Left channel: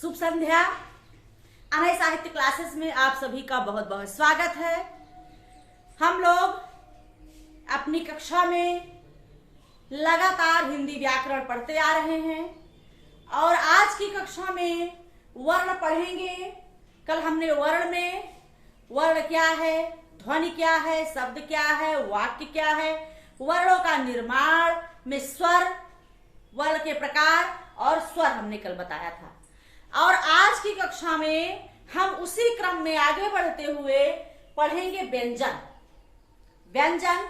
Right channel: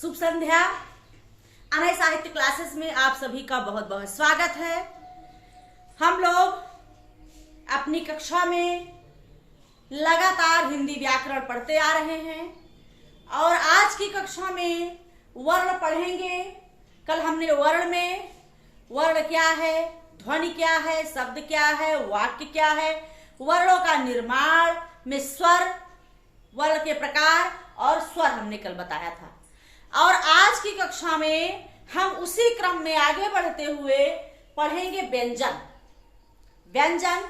शुभ संध्या। अनय साहित्य क्लासेस में आप सभी का बहुत बहुत स्वागत है। हम लोग अपनी कक्षा में लगातार हिंदी व्याकरण पढ़ते आ रहे हैं और आज की कक्षा में वर्ण पढ़ेंगे। कल हमने वर्ण में वर्ण क्या है, ध्वनि क्या है, शब्द क्या है, वाक्य क्या है, वर्णों का निर्माण में स्वर, वर्ण के प्रकार और स्वर हमने कल बताया था। और आज की कक्षा में हम उसी क्रम में आगे बढ़ते हुए पढ़ेंगे व्यंजन। व्यंजन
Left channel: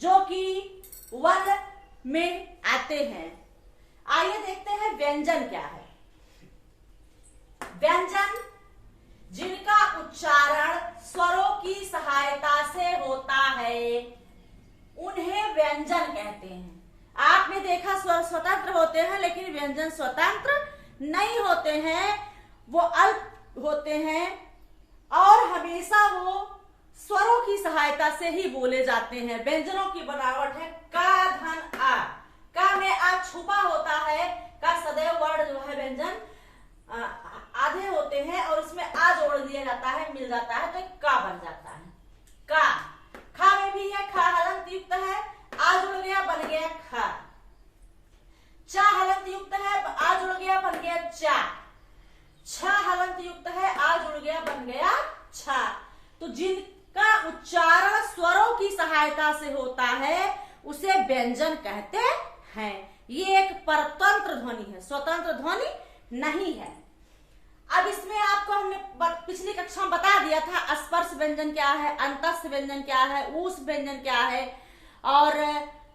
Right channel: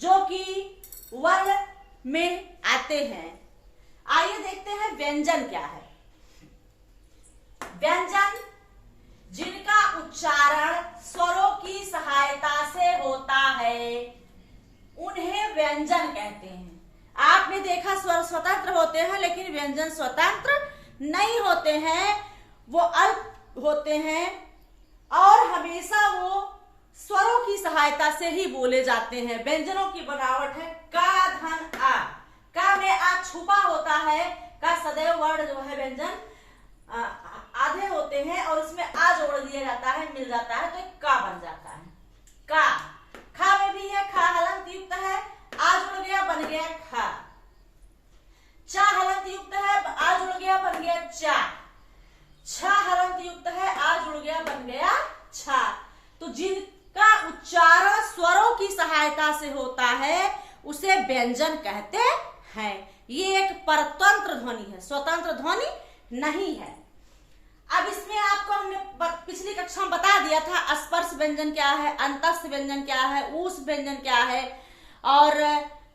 जो कि वर्ण में आते हैं। आइए देखते हैं व्यंजन क्या है। व्यंजन जिनका उच्चारण स्वरों की सहायता से होता है उन्हें व्यंजन कहते हैं। आपने देखा स्वर स्वतंत्र होते हैं लेकिन व्यंजन स्वतंत्र नहीं होते हैं, वो अल्प होते हैं और हमेशा वो स्वरों की सहायता से ही बोले जाते हैं। व्यंजनों की बनावट है का धन आ। का में आ छुपा होता है। का सदैव वर्ण जो है व्यंजन आधे होते हैं और उसमें आ जोड़ दिया जाता है, मिल जाता है तो एक का बन जाता है। का खा में भी है, खा हलंत युक्त है, आ जुड़ गया बन गया खा। चा हलंत युक्त है, आ जुड़ गया बन गया चा। छ हलंत युक्त है, आ जुड़ गया बन गया छा। तो जिनका उच्चारण स्वरों की सहायता से होता है उसे व्यंजन कहते हैं। ये एक परतंत्र ध्वनि है, स्वतंत्र ध्वनि नहीं है। अब इसमें आपको हमने पिछली कक्षा में बता दिया था स्पर्श व्यंजन क्या है, अंतस्थ व्यंजन क्या है, ऊष् व्यंजन क्या है। और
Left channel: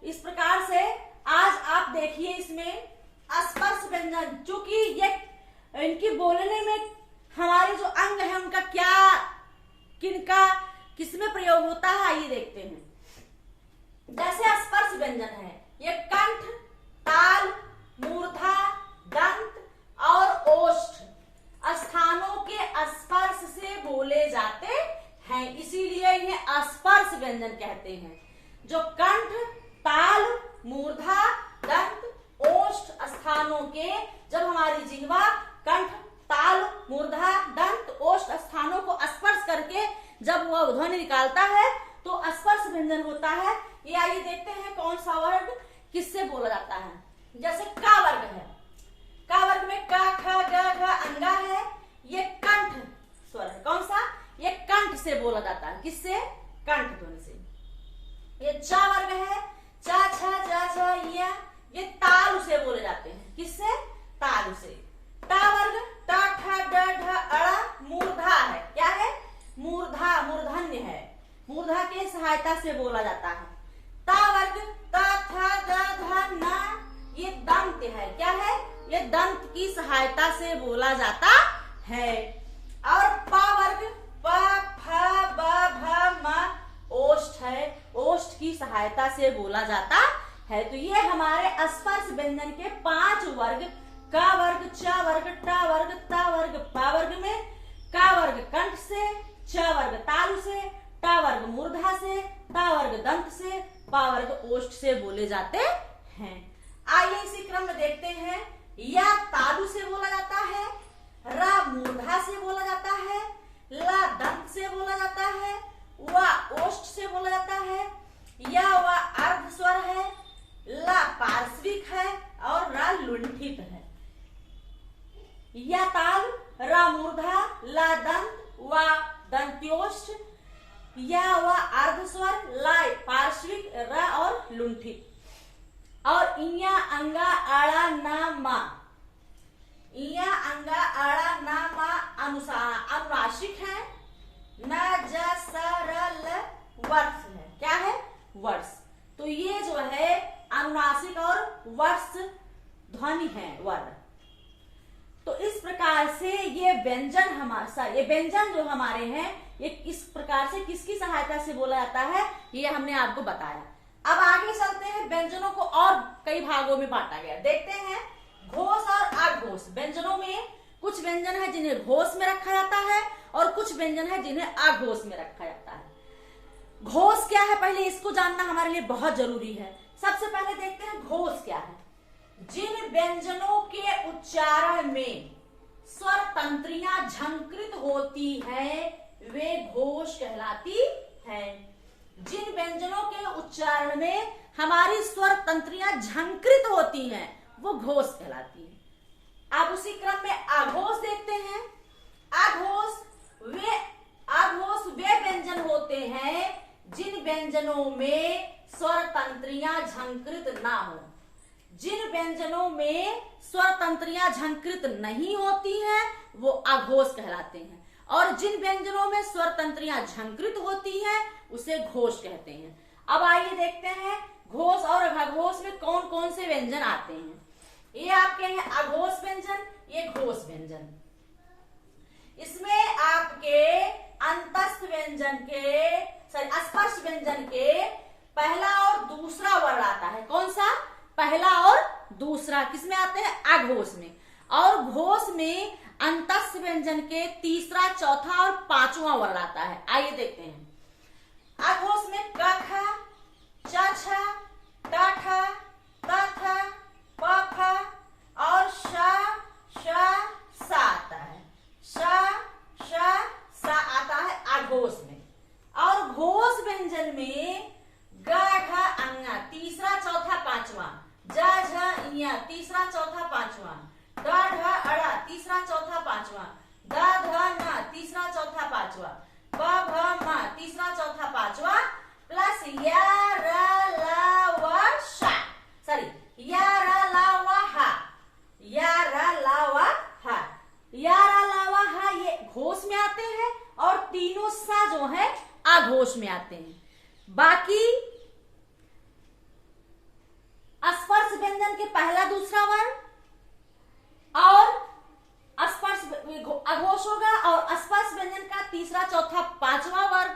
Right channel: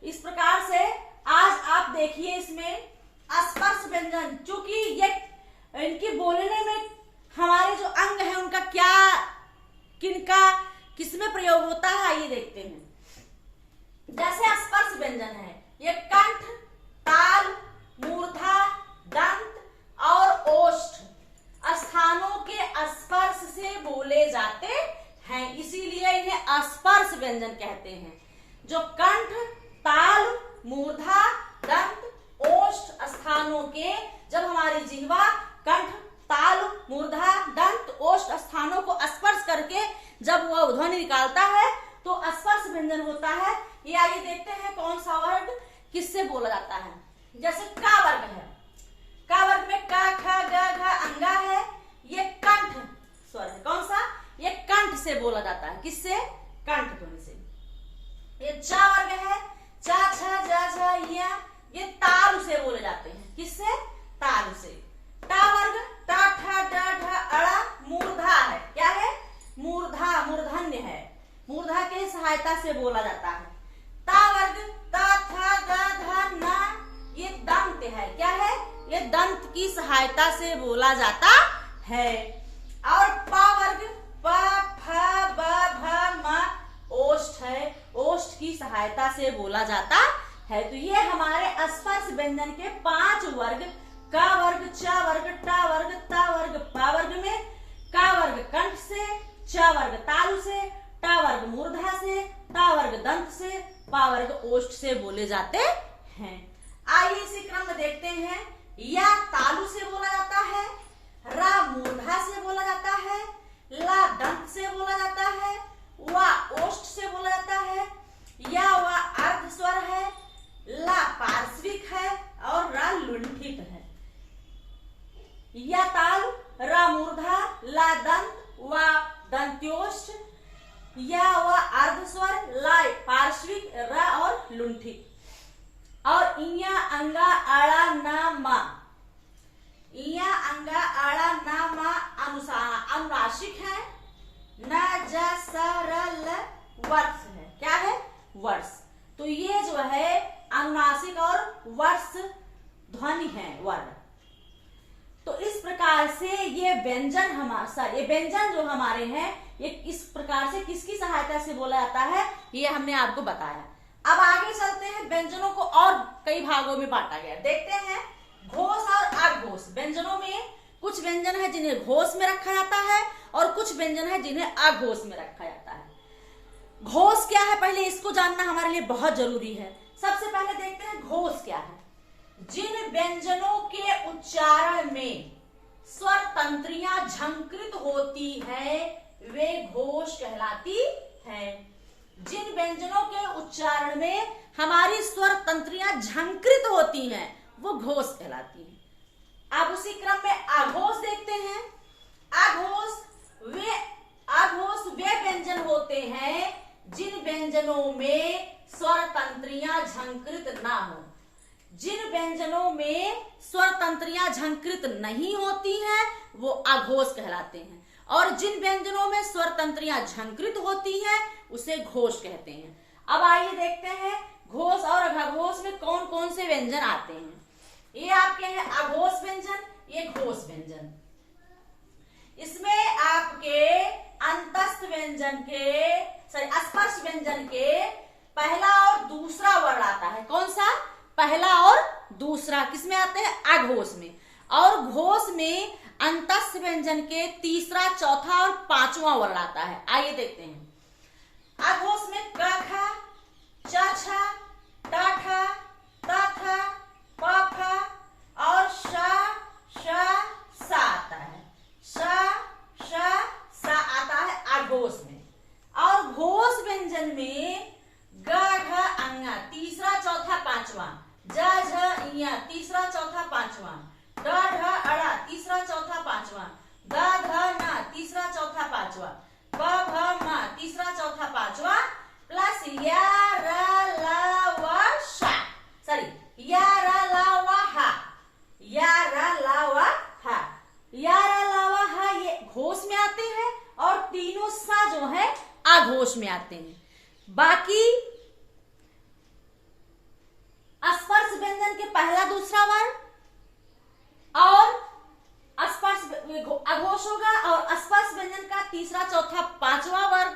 इस प्रकार से आज आप देखिए इसमें स्पर्श व्यंजन, क्योंकि ये इनकी बोलने में हमारे जो अंग है उनका क्या, किनका किसमें प्रयोग होता है आइए देखते हैं। जैसे स्पर्श व्यंजन है ये कंठ, ताल, मूर्धा, दंत और ओष्ठ स्थानों के स्पर्श से बोले जाते हैं, इसीलिए इन्हें स्पर्श व्यंजन कहते हैं। जो कंठ, ताल, मूर्धा, दंत, ओष्ठ स्थानों के, जब हमारी जिह्वा कंठ, ताल, मूर्धा, दंत, ओष्ठ स्थानों को स्पर्श करके जब वह ध्वनि निकालता है तो स्पर्श व्यंजन होता है। ये आइए देखते हैं कौन सा वर्ग किससे बोला जाता है। जैसे का वर्ग है, का वर्ग में का, ख, ग, घ, अंगा है, ये कंठ स्वर है। कौन सा? ये कंठ से बोला जाता है। किससे? कंठ ध्वनि से। ये चा वर्ग है, चा, छ, ज, झ, या, ये तालु से बोले जाते हैं। किससे? तालु से। टा वर्ग टा, ठ, ड, ढ, अड़ा, मूर्धा है। क्या है? मूर्धा, मूर्धन्य है, मूर्धा के सहायता से बोला जाता है। ता वर्ग ता, थ, ग, ध, न, ये दंत है। क्या है? ये दंत की सहायता से बोला जाता है। और पा वर्ग प, फ, ब, भ, म, ओष्ठ है, ओष्ठ की सहायता से बोला जाता है। तो ये हमारे स्पर्श व्यंजन के 5 वर्ग, का वर्ग, च वर्ग, ट वर्ग, त वर्ग, पा वर्ग में का वर्ग कंठ से, च वर्ग तालु से, ट वर्ग मूर्धा से, ता वर्ग दंत से, पा वर्ग ओष्ठ से बोले जाते हैं। आइए इसी क्रम में देखते हैं। या तालु से बोला जाता है, रा मूर्धा से बोला जाता है, ला दंत से बोला जाता है, वा ओष्ठ से बोला जाता है, या वा अर्ध स्वर है, ला पार्श्विक है और रा लुंठित है। या ताल, रा मूर्धा, ला दंत, वा दंत्योष्ठ, या वा अर्ध स्वर, ला पार्श्विक, रा और लुंठित। और इया, अंगा, आड़ा, ना, मा। इया, अंगा, आड़ा, ना, मा अनुनासिक है। न, ज, स, र, ल वर्ष है। क्या है? वर्ष। तो ये जो है अनुनासिक और वर्ष ध्वनि है, वर्ण। तो इस प्रकार से ये व्यंजन ये व्यंजन जो हमारे हैं ये इस प्रकार से किसकी सहायता से बोला जाता है ये हमने आपको बताया। अब आगे चलते हैं। व्यंजनों को और कई भागों में बांटा गया। देखते हैं घोष और अघोष। व्यंजनों में कुछ व्यंजन है जिन्हें घोष में रखा जाता है और कुछ व्यंजन है जिन्हें अघोष में रखा जाता है। घोष क्या है पहले इसको जानना हमारे लिए बहुत जरूरी है। सबसे पहले देखते हैं घोष क्या है। जिन व्यंजनों के उच्चारण में स्वर तंत्रियां झंकृत होती है वे घोष कहलाती है। जिन व्यंजनों के उच्चारण में हमारी स्वर तंत्रियां झंकृत होती हैं वो घोष कहलाती है। अब उसी क्रम में आघोष देखते हैं। आघोष वे व्यंजन होते हैं जिन व्यंजनों में स्वर तंत्रियां झंकृत ना हो। जिन व्यंजनों में स्वर तंत्रियां झंकृत नहीं होती हैं वो अघोष कहलाते हैं, और जिन व्यंजनों में स्वर तंत्रियां झंकृत होती हैं उसे घोष कहते हैं। अब आइए देखते हैं घोष और अघोष में कौन कौन से व्यंजन आते हैं। ये आपके हैं अघोष व्यंजन, ये घोष व्यंजन। इसमें आपके अंतस्थ व्यंजन के स्पर्श व्यंजन के पहला और दूसरा वर्ण आता है। कौन सा? पहला और दूसरा किसमें आते हैं? अघोष में। और घोष में अंतस्थ व्यंजन के तीसरा, चौथा और पांचवा वर्ण आता है। आइए देखते हैं। अघोष में क ख, च छ, ट ठ, त थ, प फ और श स आता है। श स आता है अघोष में। और घोष व्यंजन में ग घ अंगा तीसरा, चौथा, पांचवा, ज झ इया तीसरा, चौथा, पांचवा, ड ढ अड़ा तीसरा, चौथा, पांचवा, द ध न तीसरा, चौथा, पांचवा, प भ म तीसरा, चौथा, पांचवा प्लस या र ल व श या र ल व ह या र ल व ह या र ल व ह ये घोष में आते हैं और तीनों सा जो है अघोष में आते हैं। बाकी स्पर्श व्यंजन के पहला, दूसरा वर्ण और स्पर्श अघोष होगा और स्पर्श व्यंजन का तीसरा, चौथा, पांचवा वर्ण